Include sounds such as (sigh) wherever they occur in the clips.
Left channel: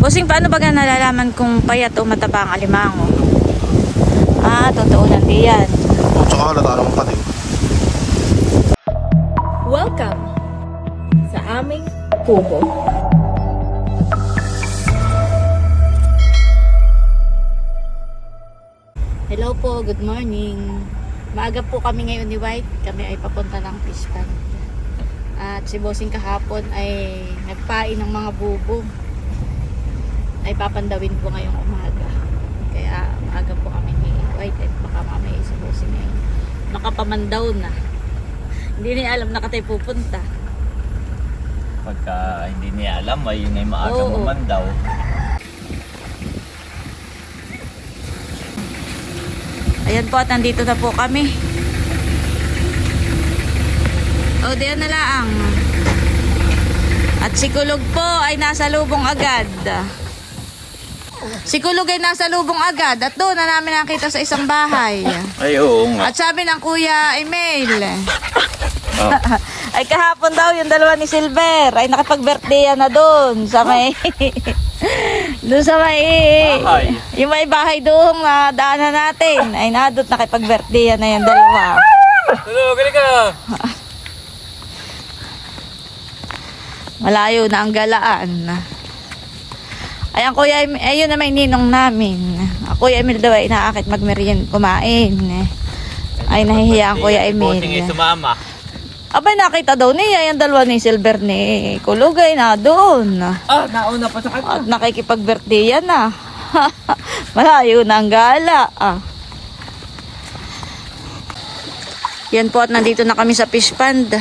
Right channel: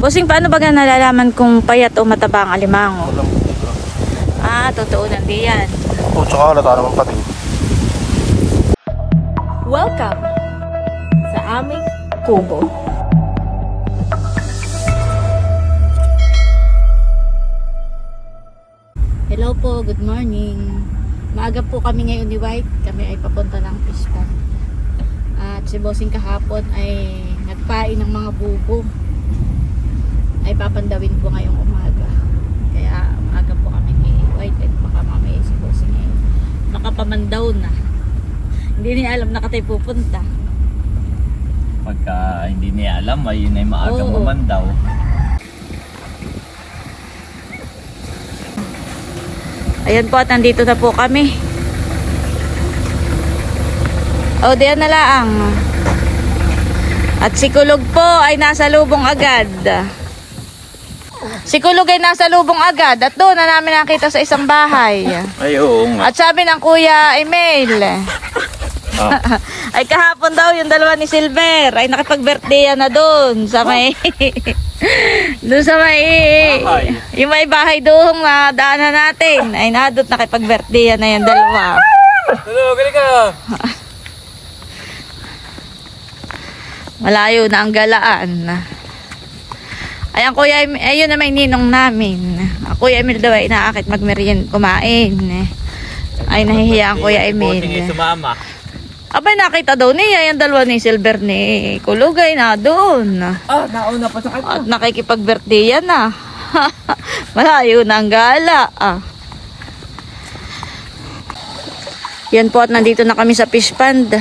Bossing, paano ba nga nalalaman kung payat o mataba ang alimango? Ah, totoo nandi yan. O, tsaka halata naman pati. Welcome sa aming kubo. Hello po, good morning. Maaga po kami ngayon ni White. Kami ay papunta ng fish pond. At si Bossing kahapon ay nagpain ng mga bubo. Ay papandawin po ngayong umaga. Kaya maaga po kami ni White at baka mamaya si Bossing ay nakapamandaw na. (laughs) Hindi niya alam na katay pupunta. Pagka hindi niya alam, ay yun ay maaga Oo. mamandaw. Ayan po at nandito na po kami. O, diyan na laang. At si Kulog po ay nasa lubong agad. Si Kulog ay nasa lubong agad at doon na namin nakita sa isang bahay. Ay, oo nga. At sabi ng kuya Emil, (laughs) ay kahapon daw yung dalawa ni Silver ay nakipag-birthday na doon sa may (laughs) doon sa may Bahay. yung may bahay doon na daanan natin ay nadot nakipag-birthday na yung dalawa. Hello, galing ka! (laughs) Malayo na ang galaan. Ayan kuya, Em- ayun na may ninong namin. Kuya Emil daw ay inaakit magmerien kumain. Ay nahihiya ang kuya Bossing ay Emil. sumama. Abay nakita daw niya yung dalawa ni Silver ni Kulugay na doon. Ah, nauna pa sa kanya. At nakikipag-birthday yan na. (laughs) Malayo na ang gala. Ah. Yan po at nandito na kami sa fish pond.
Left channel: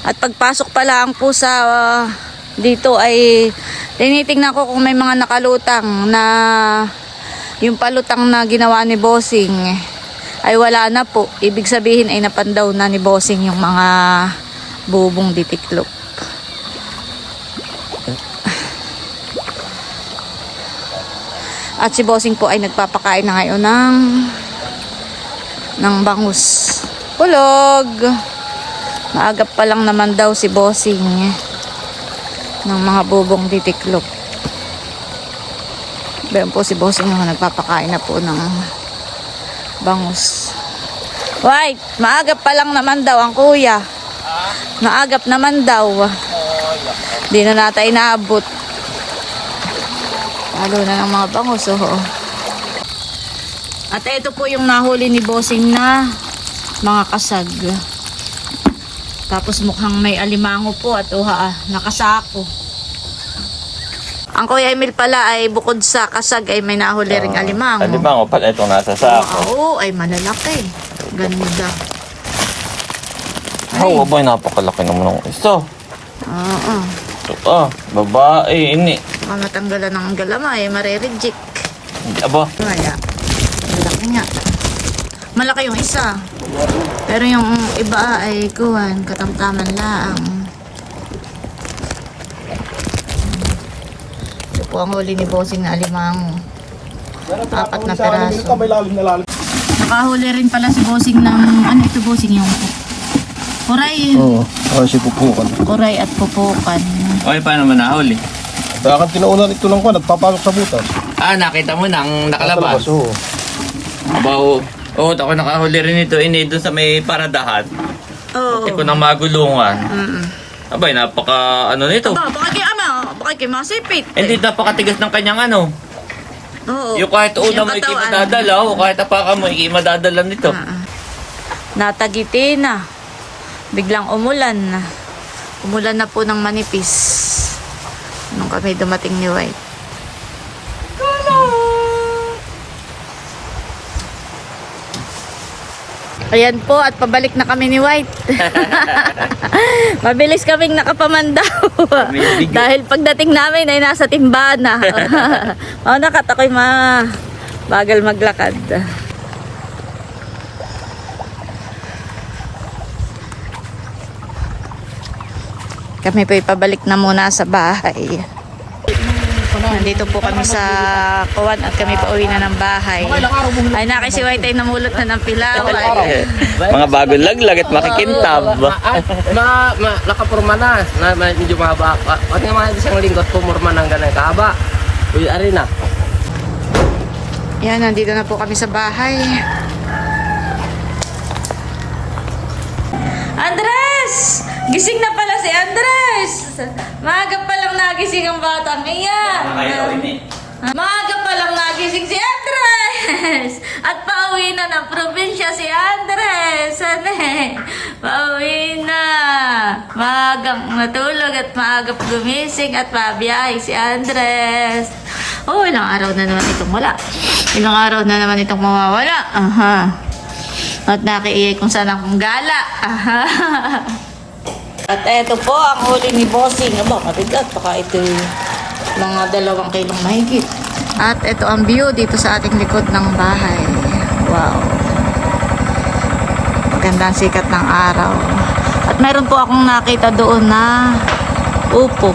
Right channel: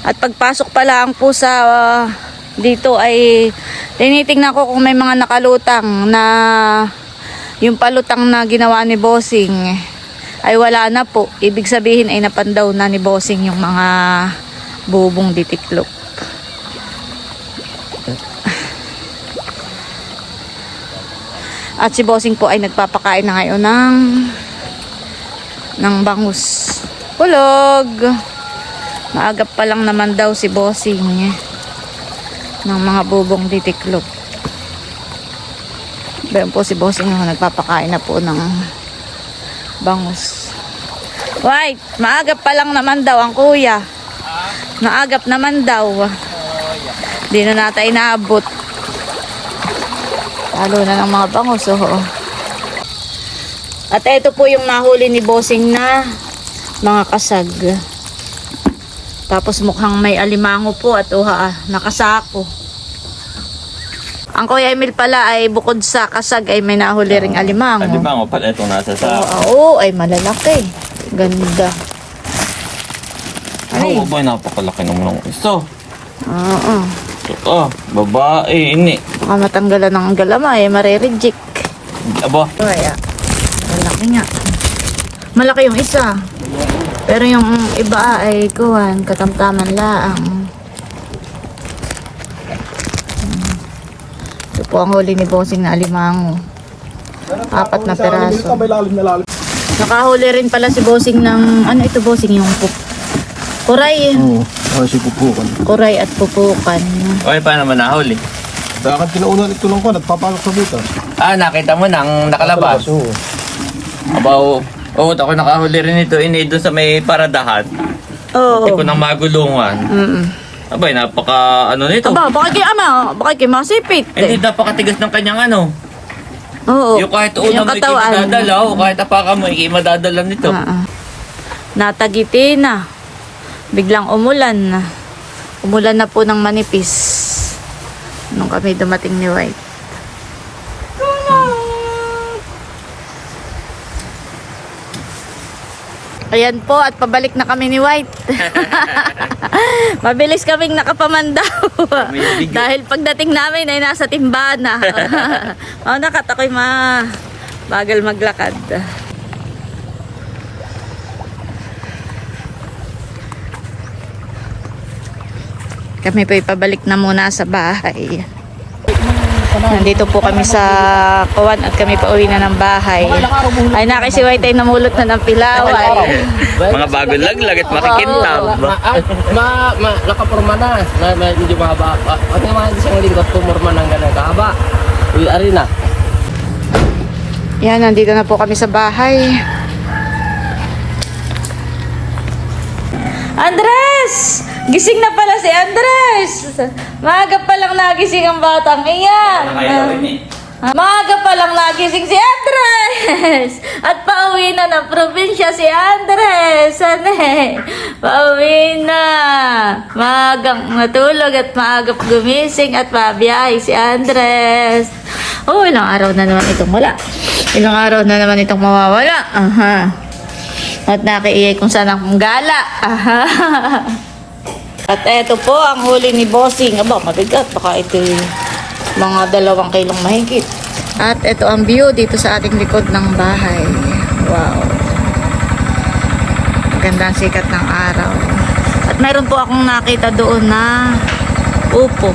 At pagpasok pa lang po sa ah, dito ay tinitingnan ko kung may mga nakalutang na yung palutang na ginawa ni Bossing ay wala na po. Ibig sabihin ay napandaw na ni Bossing yung mga bubong ditiklop. At si Bossing po ay nagpapakain na ngayon ng ng bangus. Hulog! Maagap pa lang naman daw si Bossing ng mga bubong titiklop. Bayan po si Bossing yung nagpapakain na po ng bangus. White, maagap pa lang naman daw ang kuya. Maagap naman daw. Di na natin inaabot. Lalo na ng mga bangus, oo. At ito po yung nahuli ni Bossing na mga kasag. Tapos mukhang may alimango po at uha, ah, nakasako. Ang Kuya Emil pala ay bukod sa kasag ay may nahuli ring alimango. Ano ba nga pala itong nasa sa... Oo, ay malalaki. Ganda. Ay. Oo, boy, napakalaki naman ng iso. Oo. Ah, babae, ini. Baka matanggalan ng galama eh, marireject. Aba, Kaya, malaki nga. Malaki yung isa. Pero yung iba ay kuhan, katamtaman laang. Hmm. Ito po ang huli ni Bossing na alimango. Apat na peraso. Nakahuli rin pala si Bossing ng, ano ito Bossing, yung pup. Kuray. Oo, oh, si Pupukan. Kuray at pupukan. okay pa naman nahuli. Kaya kinauna ito lang ko, nagpapasok sa butas. Ah, nakita mo nang nakalabas. Oo. Aba, oo. Oo, ako nakahuli rin ito. Ini, doon sa may paradahan. Oo. Tipo ng magulungan. Mm-mm. Abay, napaka ano nito. Aba, bakit kay ano? Bakit kay masipik? Hindi napakatigas ng kanyang ano. Oo. Yung kahit una mo ikay katawan. madadala, o kahit apaka mo ikay madadala nito. Ah, ah. Natagiti na. Biglang umulan na. Umulan na po ng manipis. Nung kami dumating ni White. Ayan po at pabalik na kami ni White. (laughs) Mabilis kaming nakapamandaw. Dahil pagdating namin ay nasa timbana. (laughs) oh, nakat ako'y ma bagal maglakad. Kami po ipabalik na muna sa bahay. Nandito po kami sa Kawan at kami pa uwi na ng bahay. Ay nakay si White ay namulot na ng pilaway. (laughs) Mga bagong laglag at makikintab. Ay, na, ma, nakapurma na. Na, na medyo mahaba. Pati nga mga isang linggo at pumurma ng ganun kahaba. Uy, arena. Yan, nandito na po kami sa bahay. Andres! Gising na pala si Andres! Maaga pa lang nagising ang batang iyan. Maaga pa lang nagising si Andres! At pauwi na ng probinsya si Andres! Ane? Pauwi na! Maagang natulog at maagap gumising at pabiyahe si Andres. Oh, ilang araw na naman itong wala. Ilang araw na naman itong mawawala. Aha. At nakiiyay kung saan akong gala. Aha. (laughs) At eto po ang huli ni Bossing. Aba, mabigat. Baka ito mga dalawang kilong mahigit. At ito ang view dito sa ating likod ng bahay. Wow. Magandang sikat ng araw. At meron po akong nakita doon na upo.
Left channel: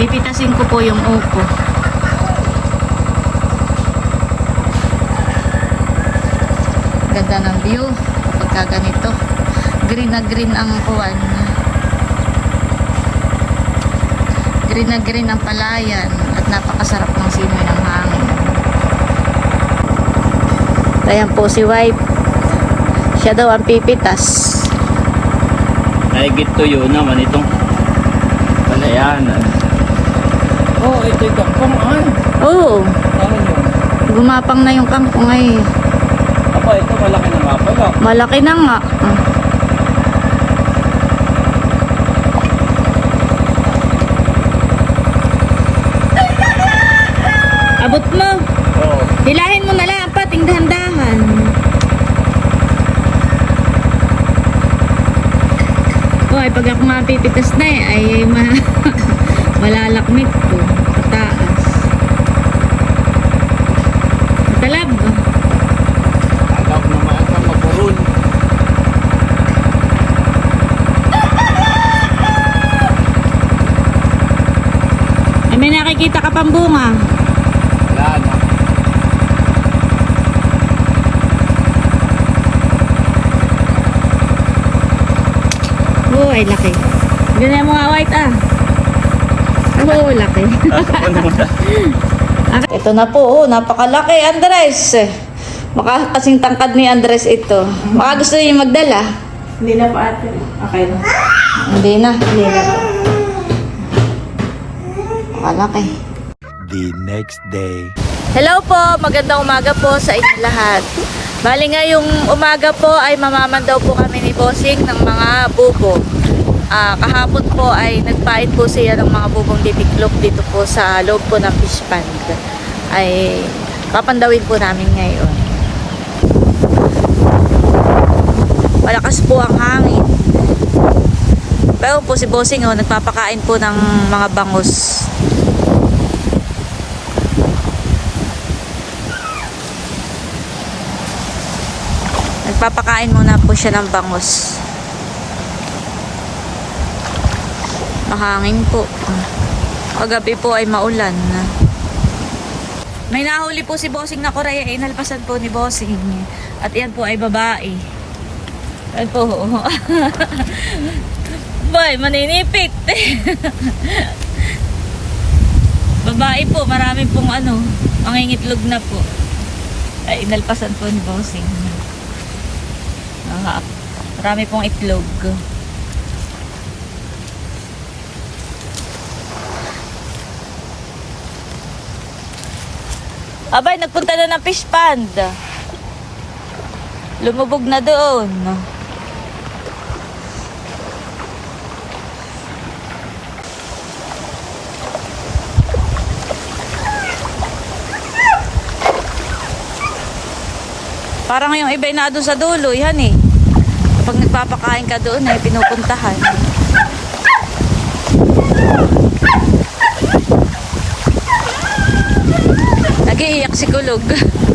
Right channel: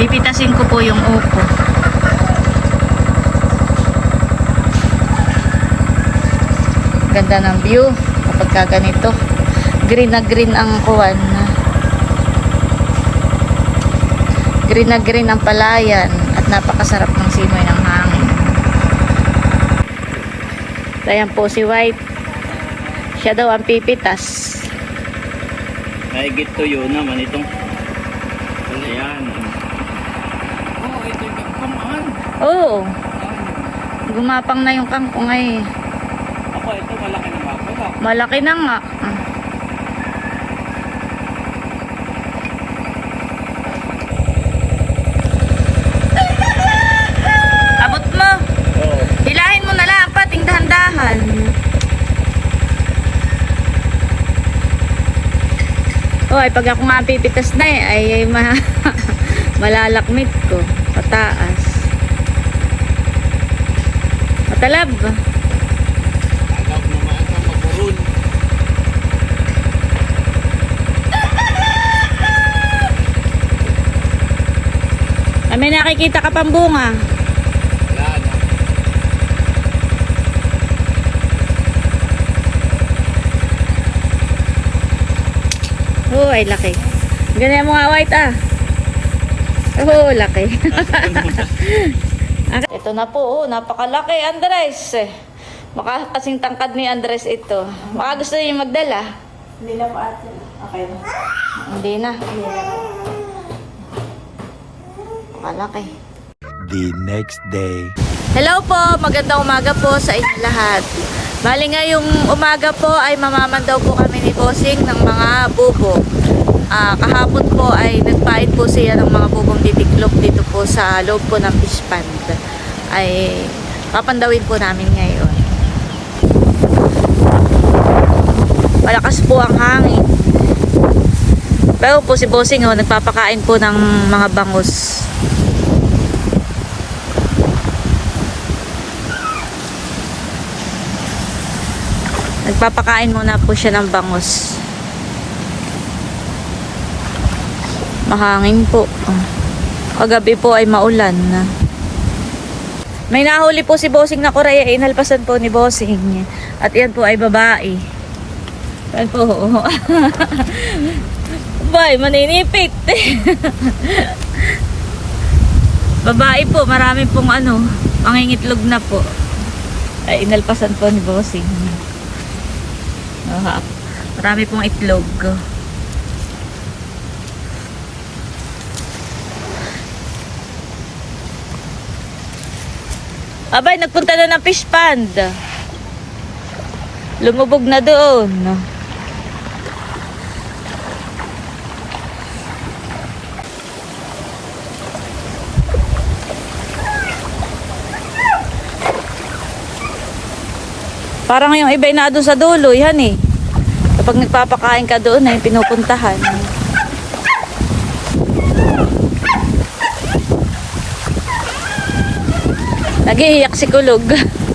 Pipitasin ko po yung upo. Ganda ng view kapag ka ganito. Green na green ang kuwan. Green na green ang palayan at napakasarap ng simoy ng hangin. Ayan po si White. Siya daw ang pipitas. Gito yun naman itong palayanan. Oh, ito yung kangkongan. Oo, Saan yun? gumapang na yung kangkong ay. Ako, ito malaki na nga pala. Malaki na nga. Ah. Abot mo. Oo. Hilahin mo na lang, pating dahan-dahan. Oh, ay pag ako nga pipitas na eh, ay, ay ma (laughs) malalakmit ko. Pataas. Matalab. Alam naman ka maburol. Ay, may nakikita ka pang bunga. Wala na. Oo, ay laki. Ganyan mo nga white ah. Oo, laki. Ito na po, oh, napakalaki Andres. Maka kasing tangkad ni Andres ito. Baka gusto niyo magdala. Hindi na pa ate. Okay na. Hindi na. Hindi na pa. Makalaki. the next day. Hello po, magandang umaga po sa inyo lahat. Bali ngayong umaga po ay mamaman daw po kami ni Bossing ng mga bubo. Ah, kahapon po ay nagpain po siya ng mga bubong titiklop dito po sa loob po ng fish pond. Ay papandawin po namin ngayon. Malakas po ang hangin. Pero po si Bossing oh, nagpapakain po ng mga bangus. Nagpapakain muna po siya ng bangus. Mahangin po. Paggabi po ay maulan. May nahuli po si Bossing na Korea. Inalpasan po ni Bossing. At yan po ay babae. Yan po. (laughs) Bay, maninipit. (laughs) babae po. Marami pong ano. Mangingitlog na po. Ay, inalpasan po ni Bossing. Aha. Marami pong itlog. Abay, nagpunta na ng fish pond. Lumubog na doon. Parang yung iba na doon sa dulo, yan eh. Kapag nagpapakain ka doon ay pinupuntahan. Nagiiyak si Kulog.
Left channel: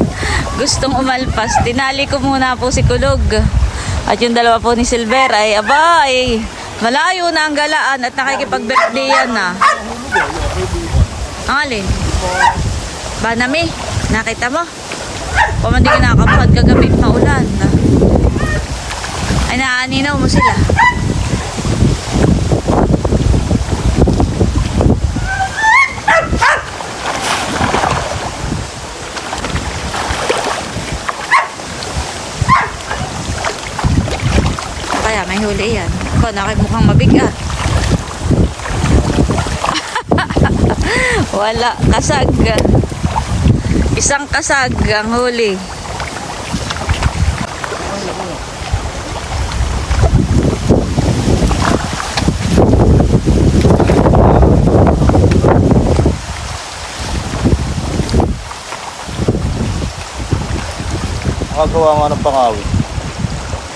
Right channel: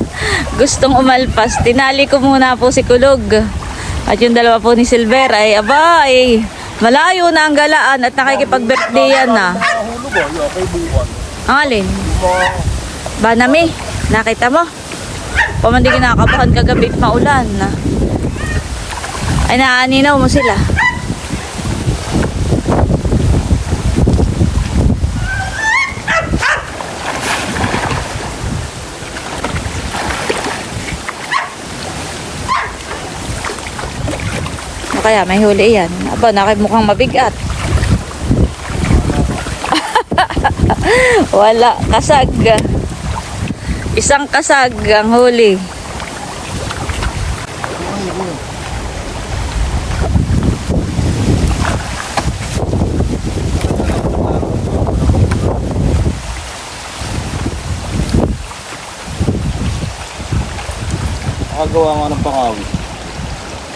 (laughs) Gustong umalpas. Tinali ko muna po si Kulog. At yung dalawa po ni Silver ay abay. Malayo na ang galaan at nakikipag-birthday yan na. Ang alin? Banami. Nakita mo? Pamandi kinakabahan kagabi maulan. Ay naaninaw mo sila. Kaya may huli yan? Aba, nakimukhang mabigat. (laughs) Wala, kasag. Isang kasag ang huli. Nakagawa nga ng pangawit.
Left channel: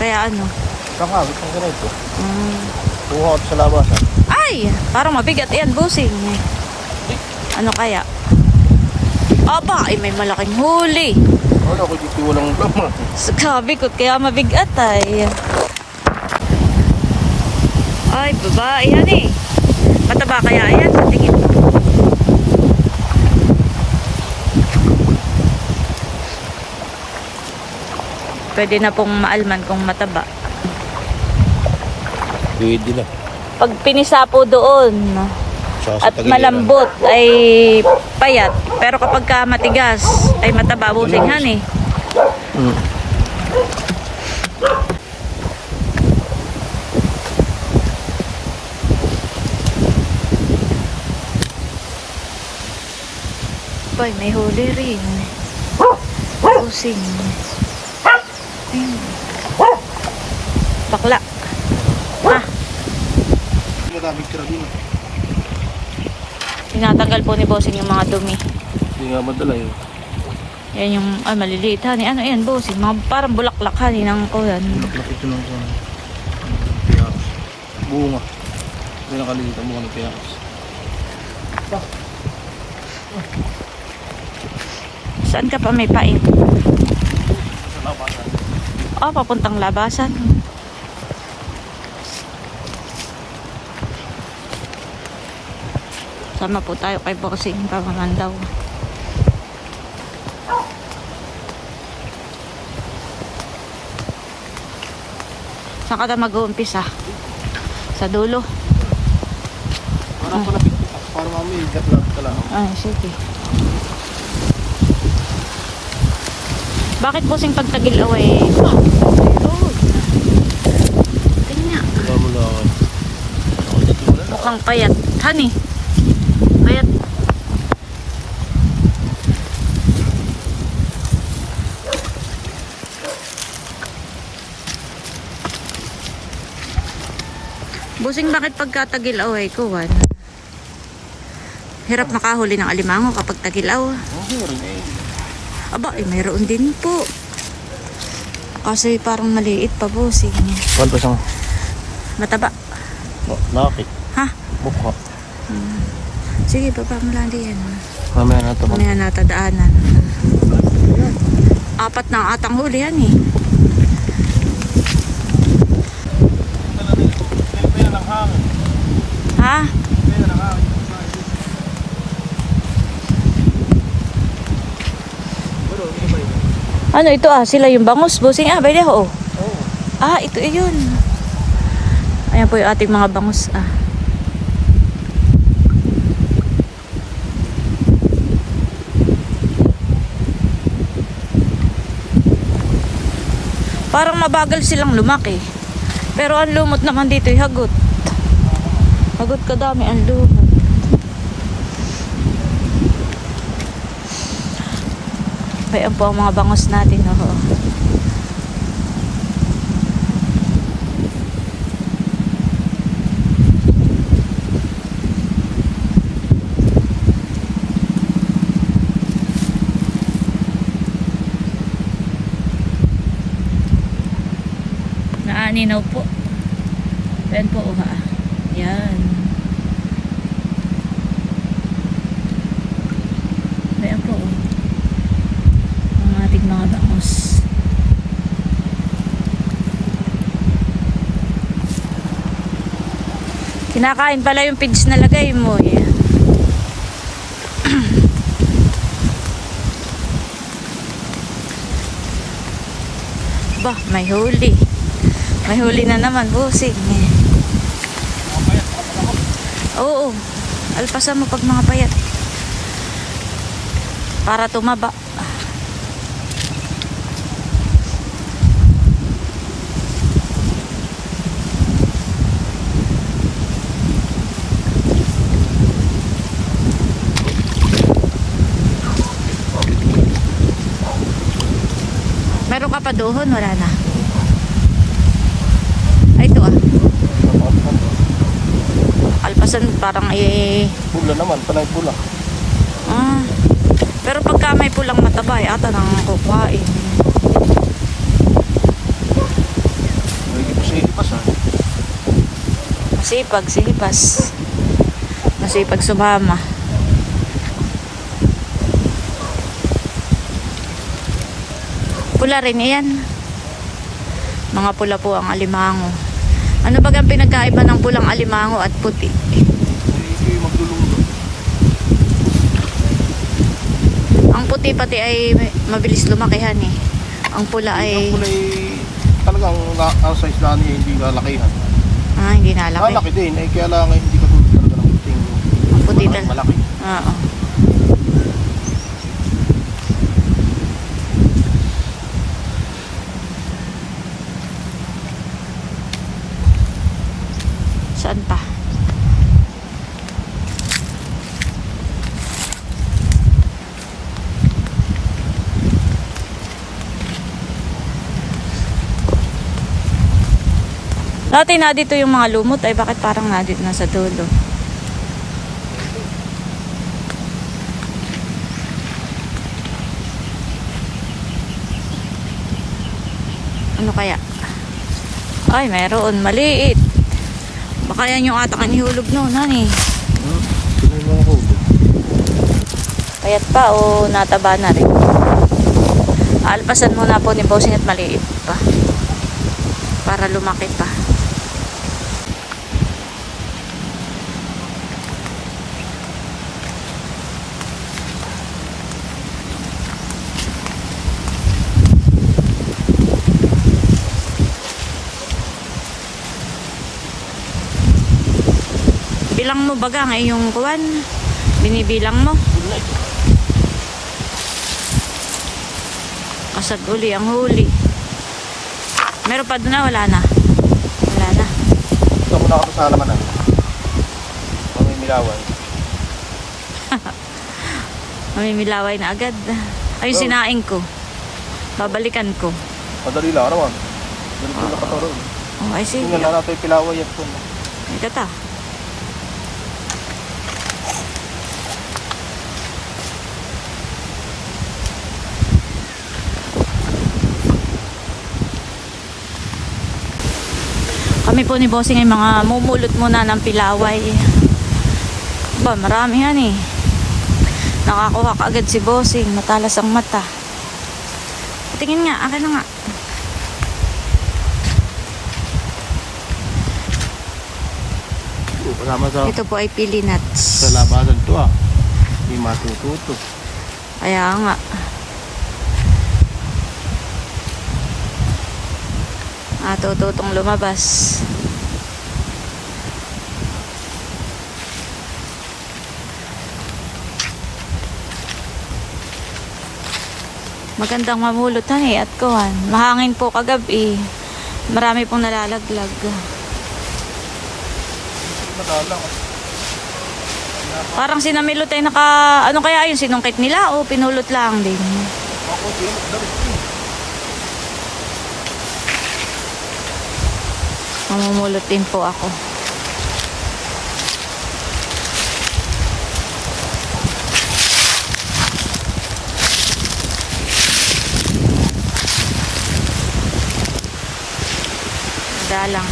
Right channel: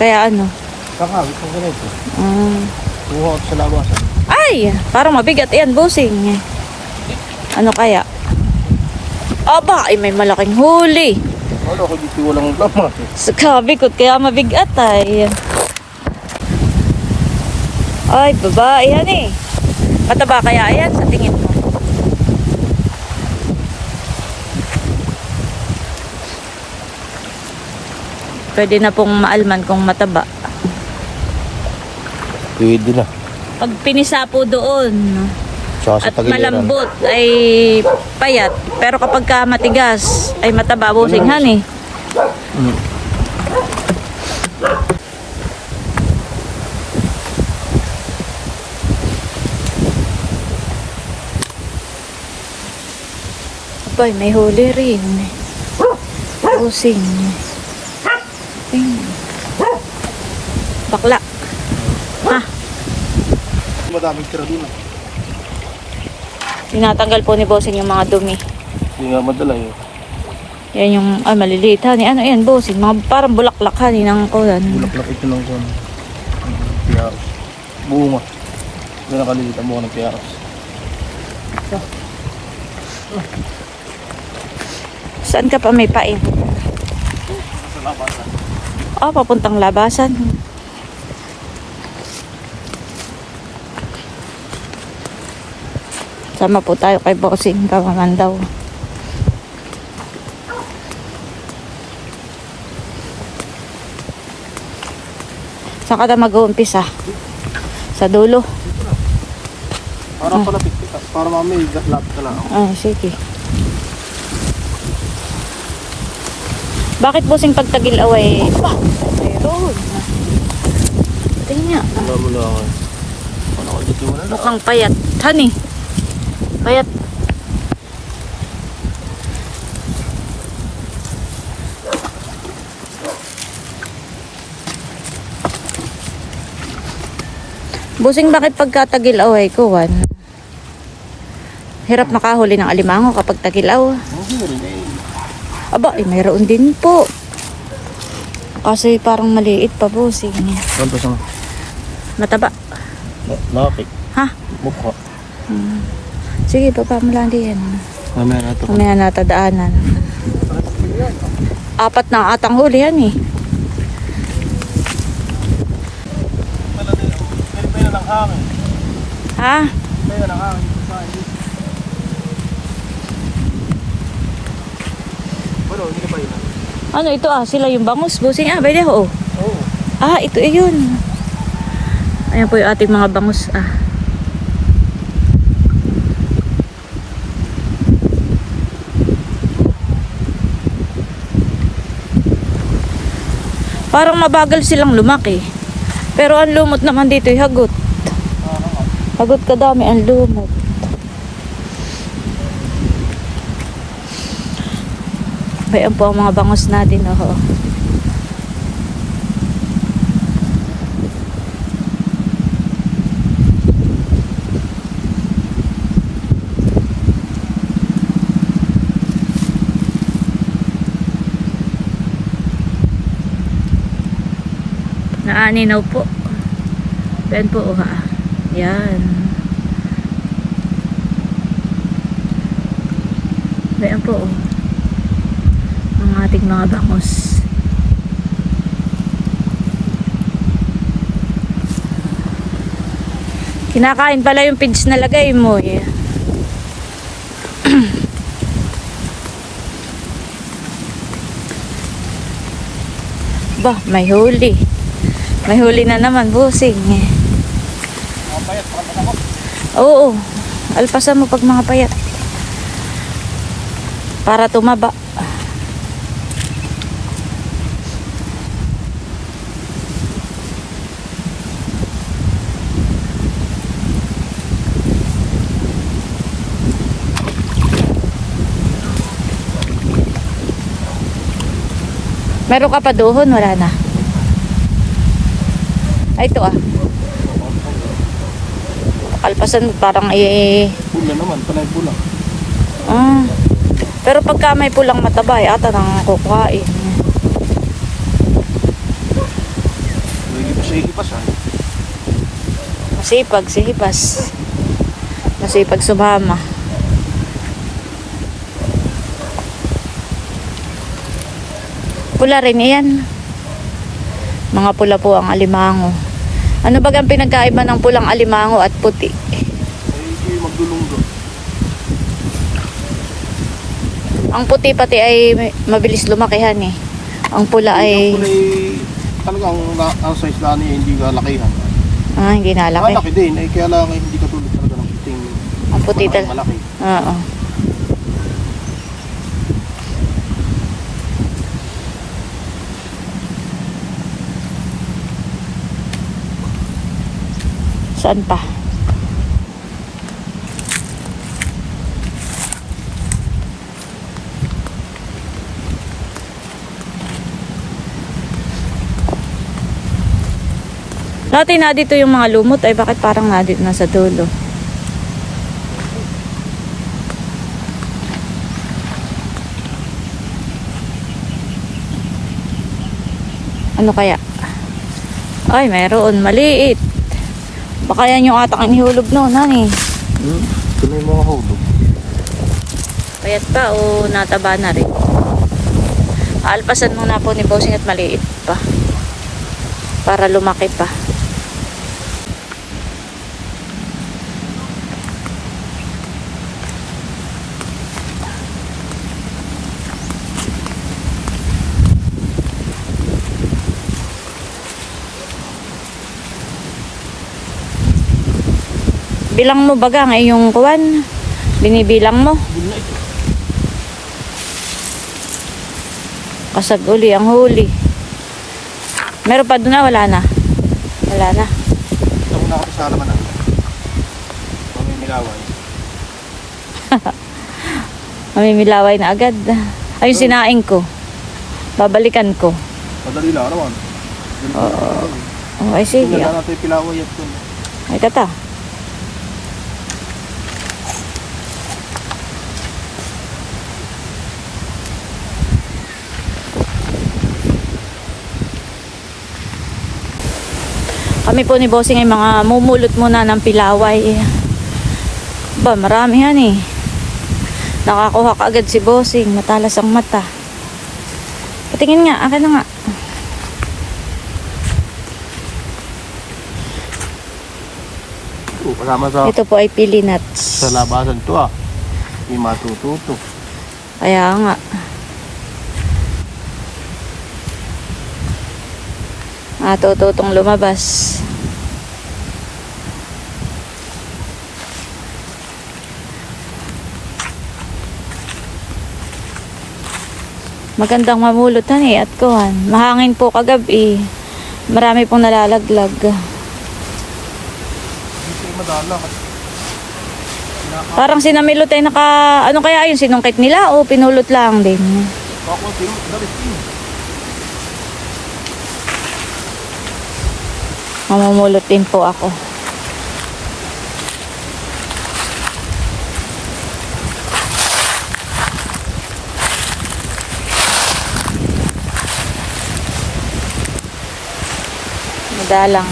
Kaya ano? Pangawit ang ganito. Kuha ko sa labasan. Ay, parang mabigat yan, busing. Ano kaya? Aba, ay may malaking huli. Wala ko dito walang laman. Sabi ko, kaya mabigat ay. Ay, babae yan eh. Mataba kaya yan sa tingin mo? Pwede na pong maalman kung mataba. Pwede na. Pag pinisa po doon Saka sa at malambot ay payat. Pero kapag ka matigas ay mataba businghan eh. Mm. Abay, may huli rin. Busing. Ayun. Bakla. Ah, Madaming tira doon ah. tinatanggal po ni Bossing yung mga dumi. Hindi nga madala yun. Yan yung, ay maliliit hani. Ano yan, Bossing? Mga parang bulaklak hani ng kuyan. Bulaklak ito ng kuwan. Mm, Piyaos. Bunga. Hindi nakalilit ang bunga ng piyaos. Saan ka pa may pain? Sa labasan. Ah, papuntang labasan. Sama po tayo kay Bossing. Tama man daw. Saan ka na mag-uumpisa? Sa dulo? Para palapit kita. Para mamay gatlat ka lang. Ay, sige. Bakit Bossing pagtagil away? Tingnan. Wala mo lang. Mukhang payat. Honey. Payat. Busing bakit pagkatagil away ko, Wan? Hirap makahuli ng alimango kapag tagilaw. Aba, eh, mayroon din po. Kasi parang maliit pa, busing. Ganito siyang Mataba. nakakit. Ha? Mukha. Sige, baba mo lang din. Mamaya na ito. Mamaya natadaanan. Apat na atang huli yan eh. Pila ng hangin. Ha? Pila ng hangin. Ano ito ah? Sila yung bangus. Busing ah, pwede ho. Ah, ito eh, yun. Ayan po yung ating mga bangus ah. Parang mabagal silang lumaki. Pero ang lumot naman dito hagot. Hagot kadami ang lumot. Bayan po ang mga bangos natin. Oh. Naaninaw po. Yan po, oh, ha. Yan. Bayan po, oh ang ating mga bangos. Kinakain pala yung pids na lagay mo eh. (clears throat) ba, may huli. May huli na naman, busing. Mga payat, pakapag ako. Oo. Alpasan mo pag mga payat. Para tumaba. Meron ka pa doon, wala na. Ay, ito ah. Kalpasan parang eh... Pula naman, panay pula. Ah. Pero pagka may pulang mataba, eh, ata nang kukuhain. Lagi pa sa ikipas ah. Masipag si Hibas. Masipag sumama. Pula rin yan. Mga pula po ang alimango. Ano ba ang pinagkaiba ng pulang alimango at puti? Ay, ito yung magdulunggo. Ang puti pati ay mabilis lumakihan eh. Ang pula Ang ay pula ay talagang na, ang size lang niya hindi kalakihan. ah, hindi nalaki. Malaki din, ay kaya lang ay hindi katulad talaga ng puting Ang puti malaki, tal- malaki. Oo. Saan pa? Dati na dito yung mga lumot ay bakit parang na dito na sa dulo? Ano kaya? Ay, meron. Maliit. Baka yan yung atak ang ihulog noon, hani. Hmm? Ito na yung mga hulog. Payat pa o nataba na rin. Alpasan muna po ni Bossing at maliit pa. Para lumaki pa. Bilang mo baga ang iyong kuwan. Binibilang mo. Na. Kasag uli ang huli. Meron pa doon na, wala na. Wala na. Ito ko nakapasa naman ah. Mamimilaway. (laughs) Mamimilaway na agad. Ay, yung sinaing ko. Babalikan ko. Madali lang naman. Ganito na ako. Oh, ay, sige. Tingnan na natin yung pilaway at ito. Ay, tata. Kami po ni Bossing ay mga mumulot muna ng pilaway. Ba, marami yan eh. Nakakuha ka agad si Bossing. Matalas ang mata. Patingin nga, akin na nga. Oh, kasama sa, Ito po ay pili nuts. sa labasan to ah. Hindi matututo. Kaya nga. Ah, tututong lumabas. Magandang mamulot han eh at kuhan. Mahangin po kagabi. Marami pong nalalaglag. Hindi siya madalang. Parang sinamilot ay naka... Ano kaya yun? Sinungkit nila o pinulot lang din? Ako, sino mas damit yun? Mamumulot din po ako. Madalang.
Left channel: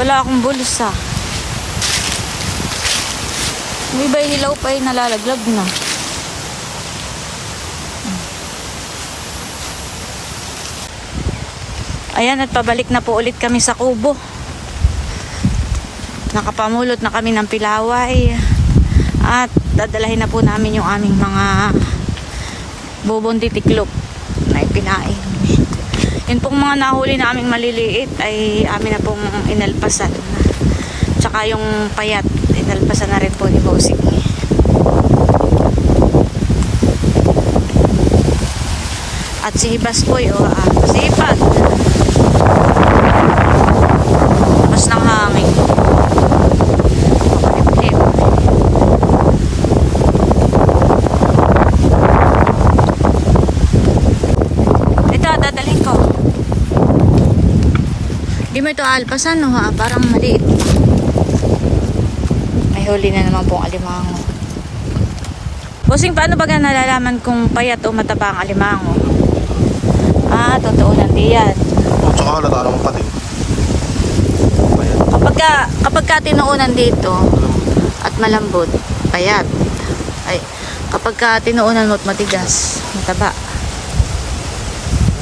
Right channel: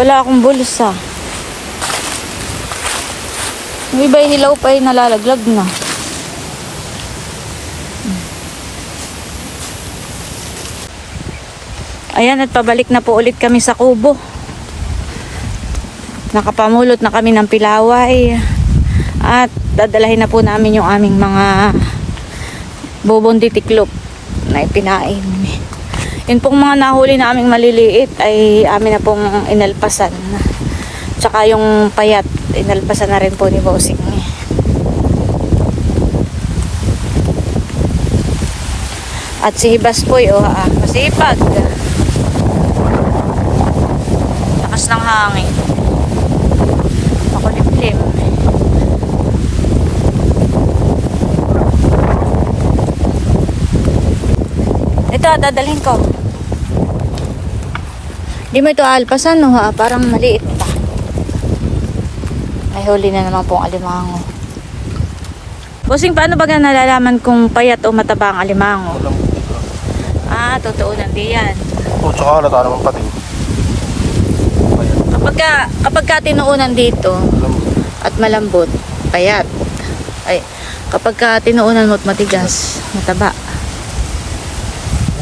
Wala akong bulsa. Yung iba hilaw pa ay nalalaglag na. Ayan at pabalik na po ulit kami sa kubo. Nakapamulot na kami ng pilaway. At dadalahin na po namin yung aming mga bobondi tiklop na ipinain. Yun pong mga nahuli na aming maliliit ay amin na pong inalpasan. Tsaka yung payat, inalpasan na rin po ni Bossing. At si Hibas po, oh, ah, masipag. Lakas ng hangin. Malilim. Ito, dadalhin ko. Di mo ito alpasan, no ha? Parang maliit. May huli na naman pong alimango. Bossing, paano ba nalalaman kung payat o mataba ang alimango? Ah, totoo nandiyan. yan. O, tsaka halata naman pati. Ayan. Kapag ka, kapag ka tinuunan dito at malambot, payat. Ay, kapag ka tinuunan mo at matigas, mataba.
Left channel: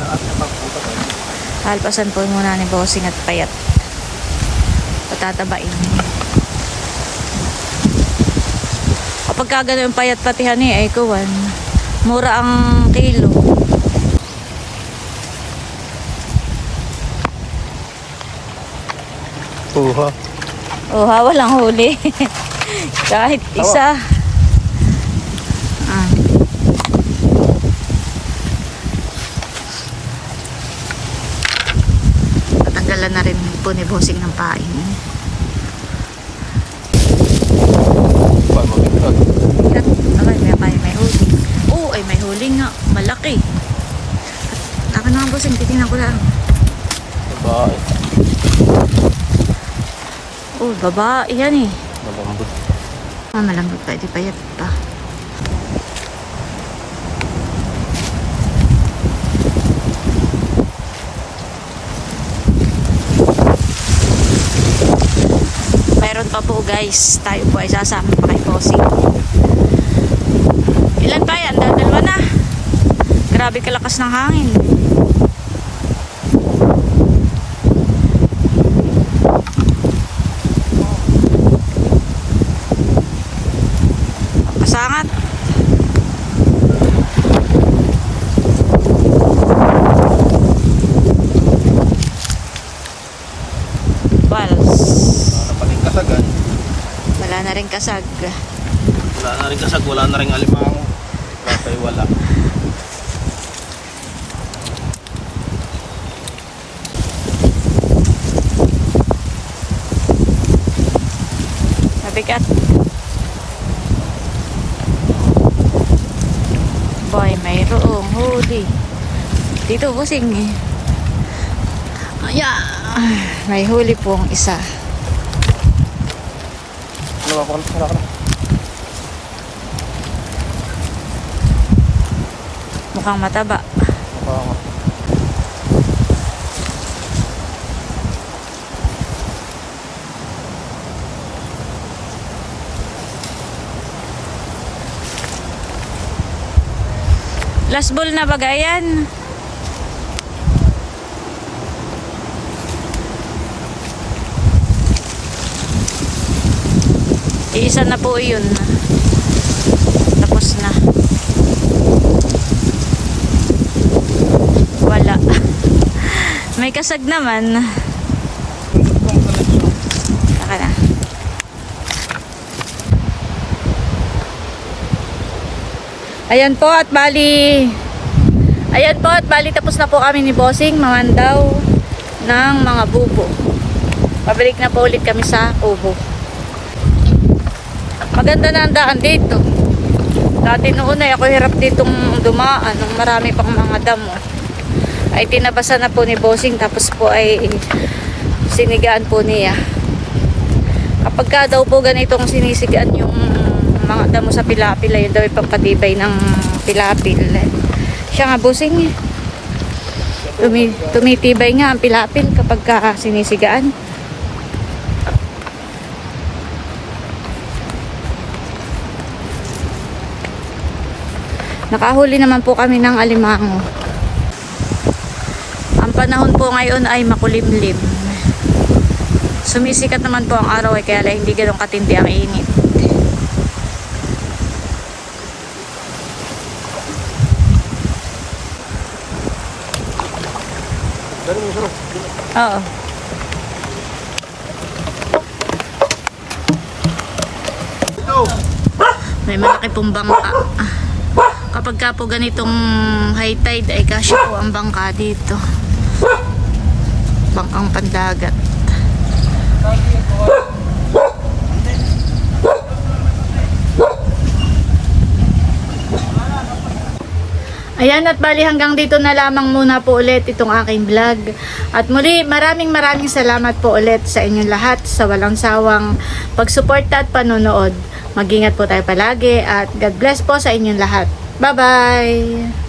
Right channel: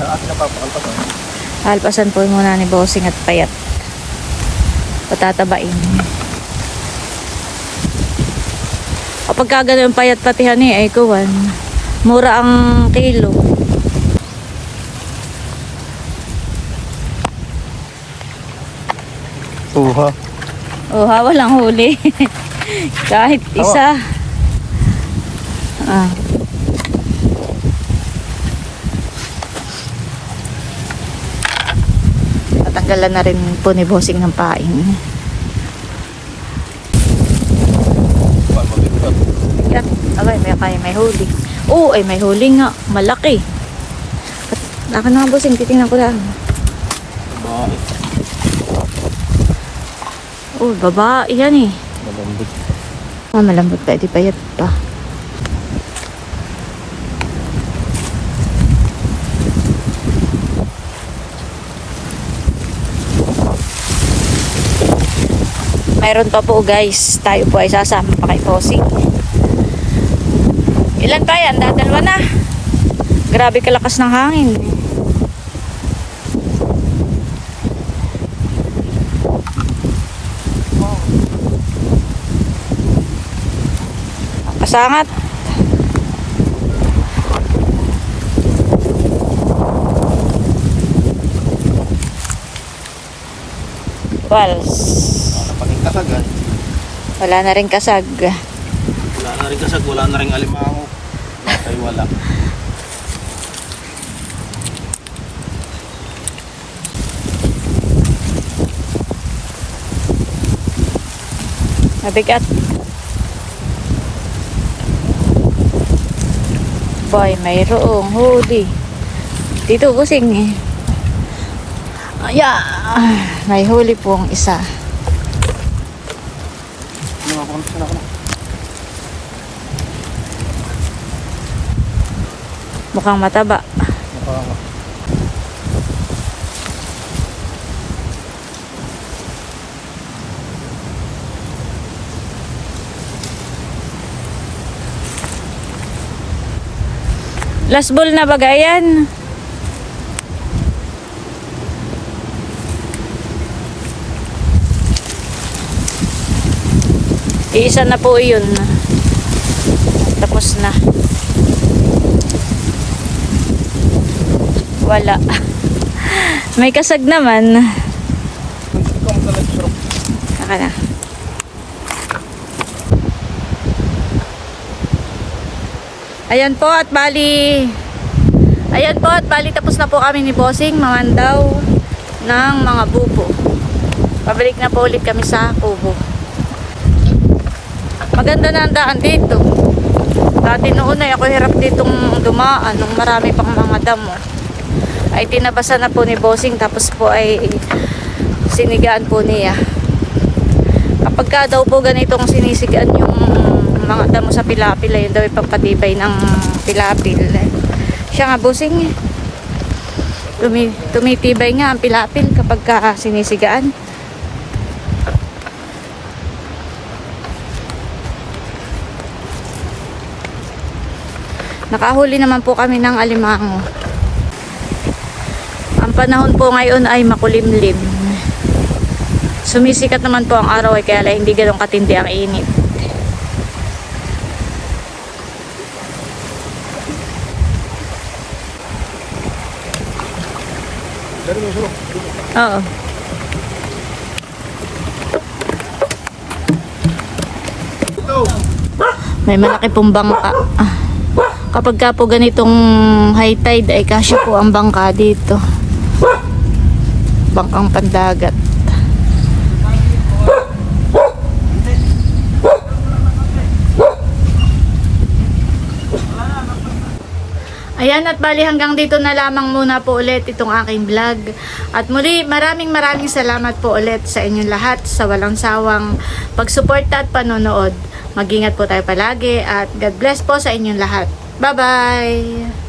At napapakalpasan. Alpasan po muna ni Bossing at payat. Patatabain. Kapag ka ganun payat patihan eh, ay kuwan. Mura ang kilo. Uha. Oh, ha, walang huli. (laughs) Kahit isa. Ah. Natanggalan na rin po ni Bossing ng paing. At, abay, may, may, may huli. Oo, ay may huli nga. Malaki. At, laka na nga Bossing, titingnan ko lang. Bae. Oh, babae yan eh. Malambot pa. Ah, malambot pa, di payat pa. Mayroon pa po guys. Tayo po ay sasama pa kay Bossing. Ilan pa yan? Dadalwa na. Grabe kalakas ng hangin. Kasangat. Pals. Wala pa rin kasag ay. Wala na rin kasag. Wala na rin kasag, wala na rin alimango. Wala tayo wala. Mabigat. Boy, mayroong huli. Dito, busing. Aya, may huli pong isa. Ano nga, pakalpasan na ka na. Mukhang mataba. Mukha nga. Last ball na bagayan. Iisa na po yun. Tapos na. Wala. May kasag naman. Naka na. Ayan po at bali Ayan po at bali tapos na po kami ni Bossing mamandaw ng mga bubo. Pabalik na po ulit kami sa kubo. Maganda na ang daan dito. Dati noon ay ako hirap ditong dumaan nung marami pang mga damo. Ay tinabasa na po ni Bossing tapos po ay sinigaan po niya. Kapag ka daw po ganitong sinisigaan yung mga damo sa pilapil, ayun daw yung pampatibay ng pilapil. Siya nga busing eh. Tumi, tumitibay nga ang pilapil kapag ka sinisigaan. Nakahuli naman po kami ng alimango. Ang panahon po ngayon ay makulimlim. Sumisikat naman po ang araw ay kaya lang hindi ganun katindi ang init. Oo. May malaki pong bangka. Ah. Kapag ka po ganitong high tide ay kasi po ang bangka dito bangkang pandagat Ayan at bali hanggang dito na lamang muna po ulit itong aking vlog. At muli maraming maraming salamat po ulit sa inyong lahat sa walang sawang pagsuporta at panonood. Magingat po tayo palagi at God bless po sa inyong lahat. Bye-bye!